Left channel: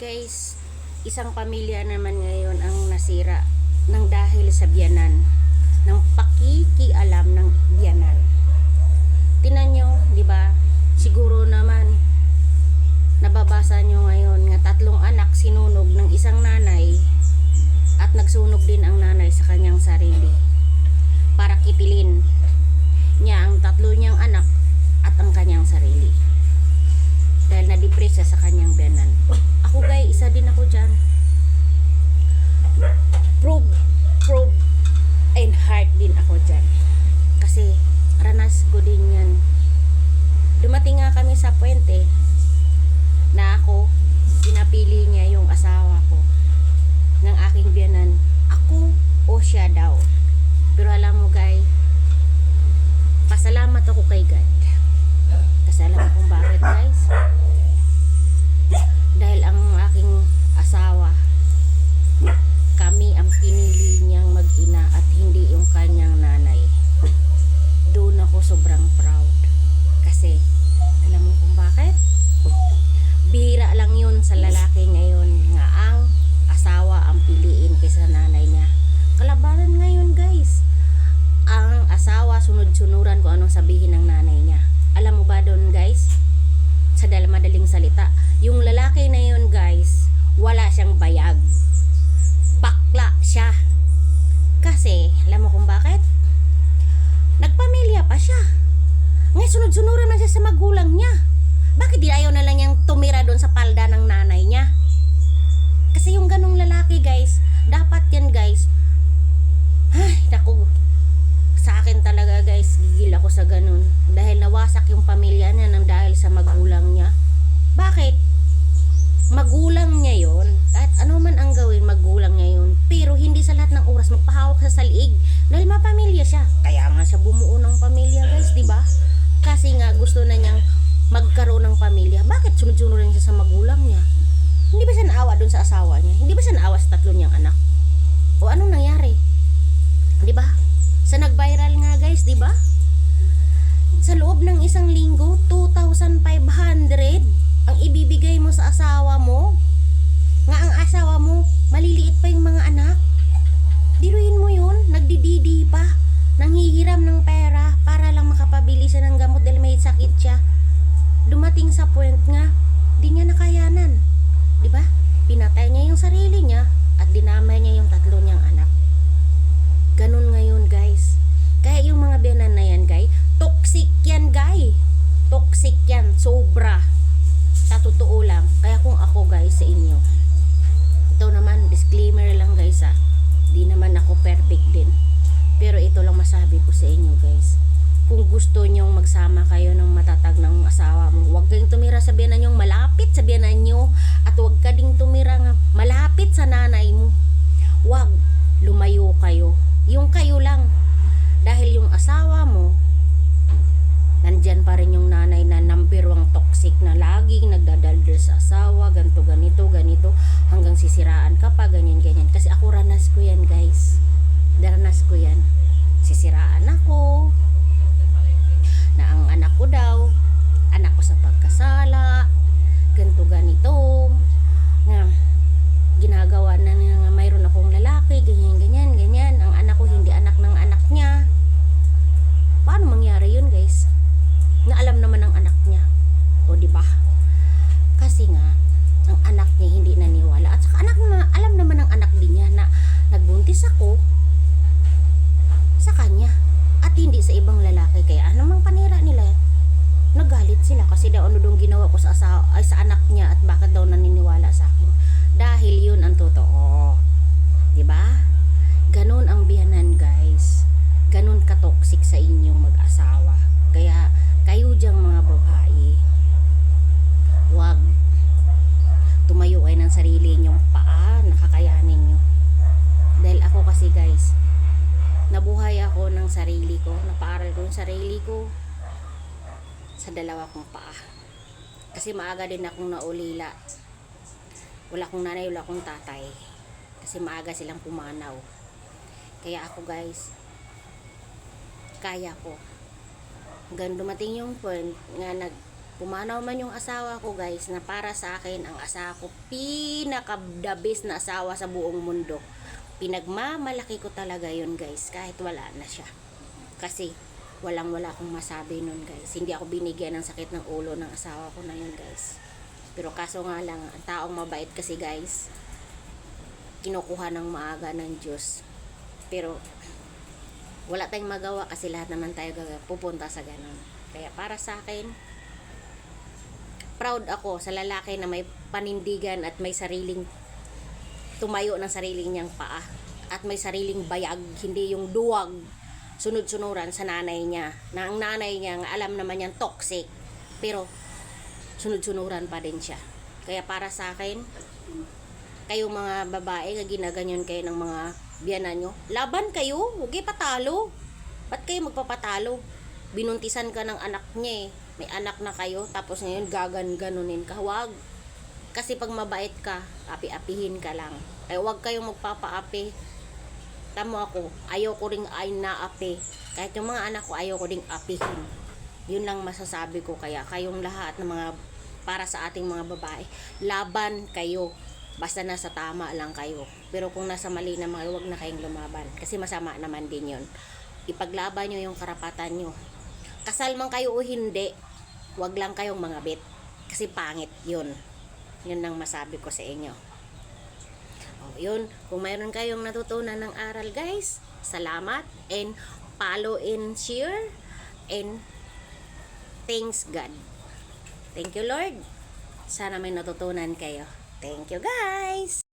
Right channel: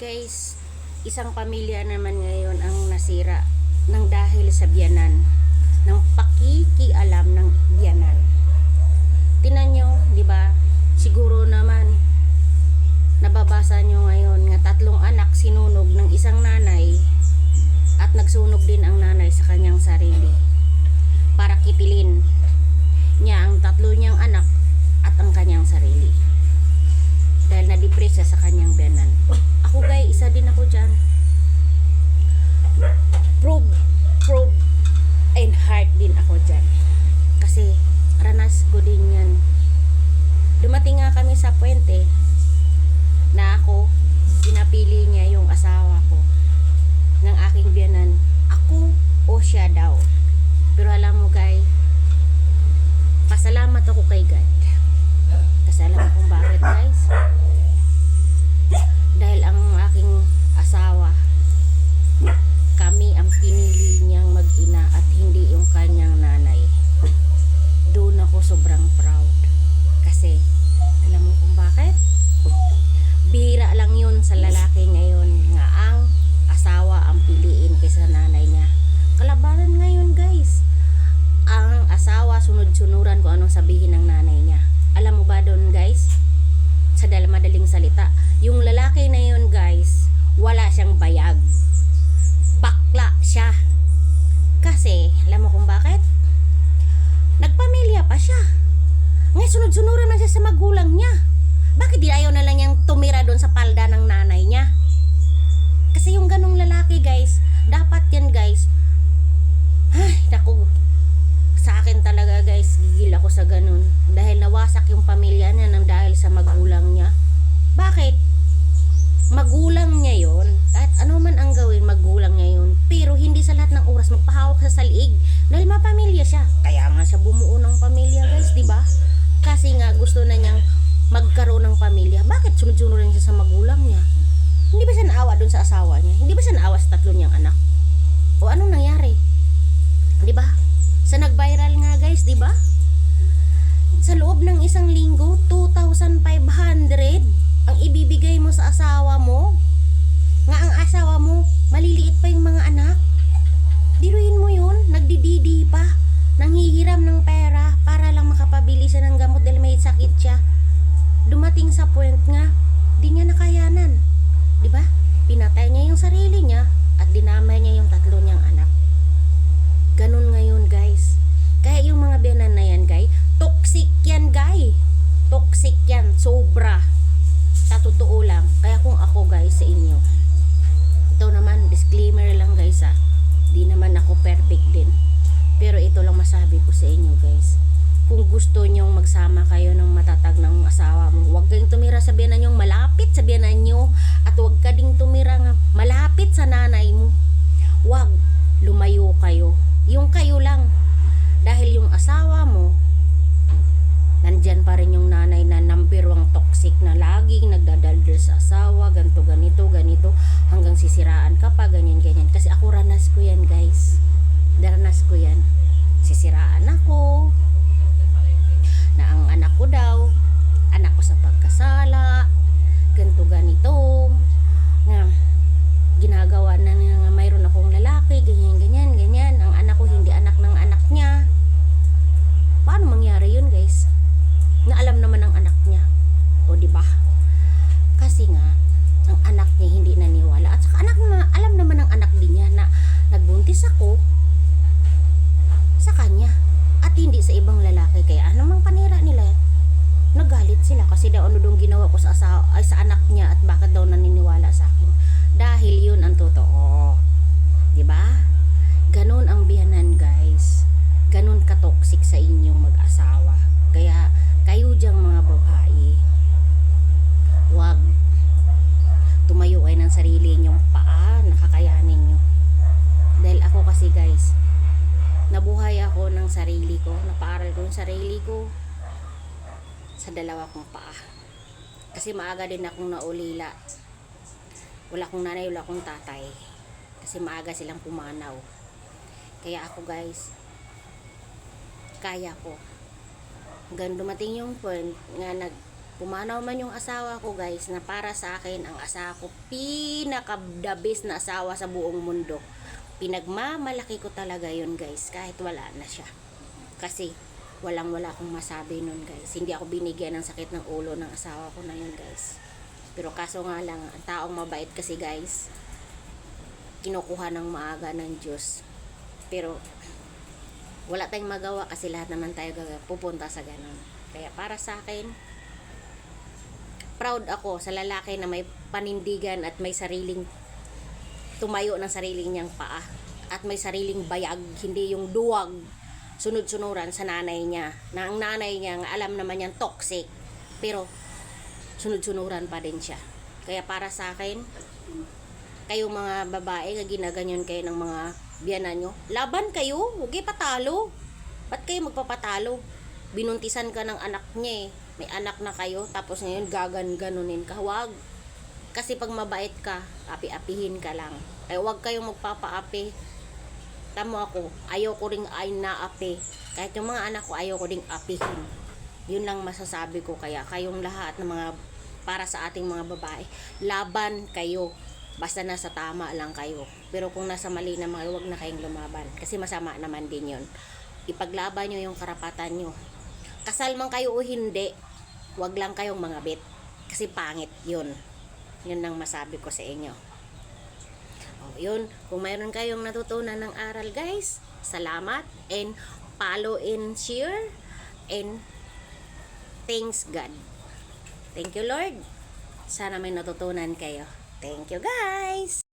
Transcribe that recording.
Guys, isang pamilya naman ngayon ang nasira ng dahil sa biyanan, ng pakikialam ng biyanan. Tinan nyo, di ba? Siguro naman nababasa nyo ngayon nga 3 anak sinunog ng isang nanay at nagsunog din ang nanay sa kanyang sarili para kitilin niya ang 3 niyang anak at ang kanyang sarili dahil na-depress sa kanyang biyanan. Ako guys, isa din ako dyan. Probe and heart din ako dyan. Kasi ranas ko din yan. Dumating nga kami sa puwente na ako, pinapili niya yung asawa ko ng aking biyanan. Ako o siya daw. Pero alam mo guys, pasalamat ako kay God. Kasi alam mo kung bakit guys? Dahil ang aking asawa, kami ang pinili niyang mag-ina at hindi yung kanyang nanay. Doon ako sobrang proud. Kasi, alam mo kung bakit? Bihira lang yun sa lalaki ngayon nga ang asawa ang piliin kaysa nanay niya. Kalabanan ngayon guys. Ang asawa sunod-sunuran kung anong sabihin ng nanay niya. Alam mo ba doon guys? Sa madaling salita, yung lalaki na yun guys, wala siyang bayag. Bakla siya. Kasi, alam mo kung bakit? Nagpamilya pa siya. Ngayon sunod-sunuran na siya sa magulang niya. Bakit di ayaw na lang niyang tumira doon sa palda ng nanay niya? Kasi yung ganong lalaki guys, dapat yan guys. Ay, naku. Sa akin talaga guys, gigil ako sa ganun. Dahil nawasak yung pamilya niya nang dahil sa magulang niya. Bakit? Magulang niya yon. Kahit ano man ang gawin, magulang niya yun. Pero hindi sa lahat ng oras magpahawak sa saliig. Dahil mapamilya siya. Kaya nga siya bumuo ng pamilya guys, di ba? Kasi nga gusto na niyang magkaroon ng pamilya. Bakit sunod-sunod rin siya sa magulang niya? Hindi ba siya naawa doon sa asawa niya? Hindi ba siya naawa sa 3 niyang anak? O anong nangyari? Di ba? Sa nag-viral nga guys, di ba? Sa loob ng isang linggo, 2,500 ang ibibigay mo sa asawa mo. Nga ang asawa mo, maliliit pa yung mga anak. Diruin mo yun, nagdididi pa, nanghihiram ng pera para lang makapabili siya ng gamot dahil may sakit siya. Dumating sa point nga, di niya nakayanan. Di ba? Pinatay niya yung sarili niya at dinamay niya yung 3 niyang anak. Ganun ngayon guys. Kaya yung mga biyanan na yan guys, toxic yan guys. Toxic yan, sobra. Sa totoo lang. Kaya kung ako guys sa inyo, ito naman disclaimer lang guys ha. Di naman ako perfect din. Pero ito lang masabi ko sa inyo guys. Kung gusto nyong magsama kayo ng matatag ng asawa mo, huwag kayong tumira sa biyanan nyong malapit sa biyanan nyo. At huwag ka ding tumira nga malapit sa nanay mo. Huwag, lumayo kayo. Yung kayo lang. Dahil yung asawa mo, nandyan pa rin yung nanay na number 1 toxic na laging nagdadaldal sa asawa, ganito, ganito, hanggang sisiraan ka pa, ganyan. Kasi ako ranas ko yan guys. Daranas ko yan. Sisiraan ako. Na ang anak ko daw, anak ko sa pagkasala, ganito, nga ginagawa na nga mayroon akong lalaki, ganyan. Ang anak ko hindi anak ng anak niya. Paano mangyari yun guys? Na alam naman ng anak niya. O di ba? Kasi nga ang anak niya hindi naniwala. At saka alam naman ng anak din niya na nagbuntis ako sa kanya at hindi sa ibang lalaki. Kaya anong panira nila? Nagalit sila kasi daw ano dong ginawa ko sa anak niya at bakit daw naniniwala sa akin. Dahil yun ang totoo. 'Di ba? Ganun ang biyanan, guys. Ganun ka-toxic sa inyong mag-asawa. Kaya kayo diyang mga babae, wag tumayo kayo ng sarili nyong paa, nakakayanin nyo. Dahil ako kasi guys, nabuhay ako ng sarili ko, napaaral ko yung sarili ko sa 2 kong paa. Kasi maaga din akong naulila. Wala akong nanay, wala akong tatay. Kasi maaga silang pumanaw. Kaya ako guys, kaya ko. Hanggang dumating yung point nga Pumanaw man yung asawa ko guys, na para sa akin, ang asawa ko, pinaka-the best na asawa sa buong mundo. Pinagmamalaki ko talaga yun guys, kahit wala na siya. Kasi, wala akong masabi nun guys. Hindi ako binigyan ng sakit ng ulo ng asawa ko na yun guys. Pero kaso nga lang, ang taong mabait kasi guys, kinukuha ng maaga ng Diyos. Pero, wala tayong magawa kasi lahat naman tayo pupunta sa ganun. Kaya para sa akin, proud ako sa lalaki na may panindigan at may sariling tumayo ng sariling niyang paa at may sariling bayag, hindi yung duwag sunod-sunuran sa nanay niya, na ang nanay niya alam naman niyang toxic pero sunod-sunuran pa din siya. Kaya para sa akin, kayo mga babae na ginaganyan kayo ng mga biyanan nyo, laban kayo, huwag kayo patalo. Ba't kayo magpapatalo? Binuntisan ka ng anak niya eh, may anak na kayo, tapos ngayon ganunin ka. Huwag. Kasi pag mabait ka, api-apihin ka lang. Kaya huwag kayong magpapaapi. Tamo ako, ayoko ring ay naapi. Kahit yung mga anak ko, ayoko ring apihin. Yun lang masasabi ko. Kaya kayong lahat ng mga, para sa ating mga babae, laban kayo. Basta nasa tama lang kayo. Pero kung nasa mali naman, huwag na kayong lumaban. Kasi masama naman din yun. Ipaglaban nyo yung karapatan nyo. Kasal man kayo o hindi, wag lang kayong mangabit. Kasi pangit yun. Yun ang masabi ko sa inyo. O, yun. Kung mayroon kayong natutunan ng aral guys, salamat. And follow and share. And thanks God. Thank you Lord. Sana may natutunan kayo. Thank you guys.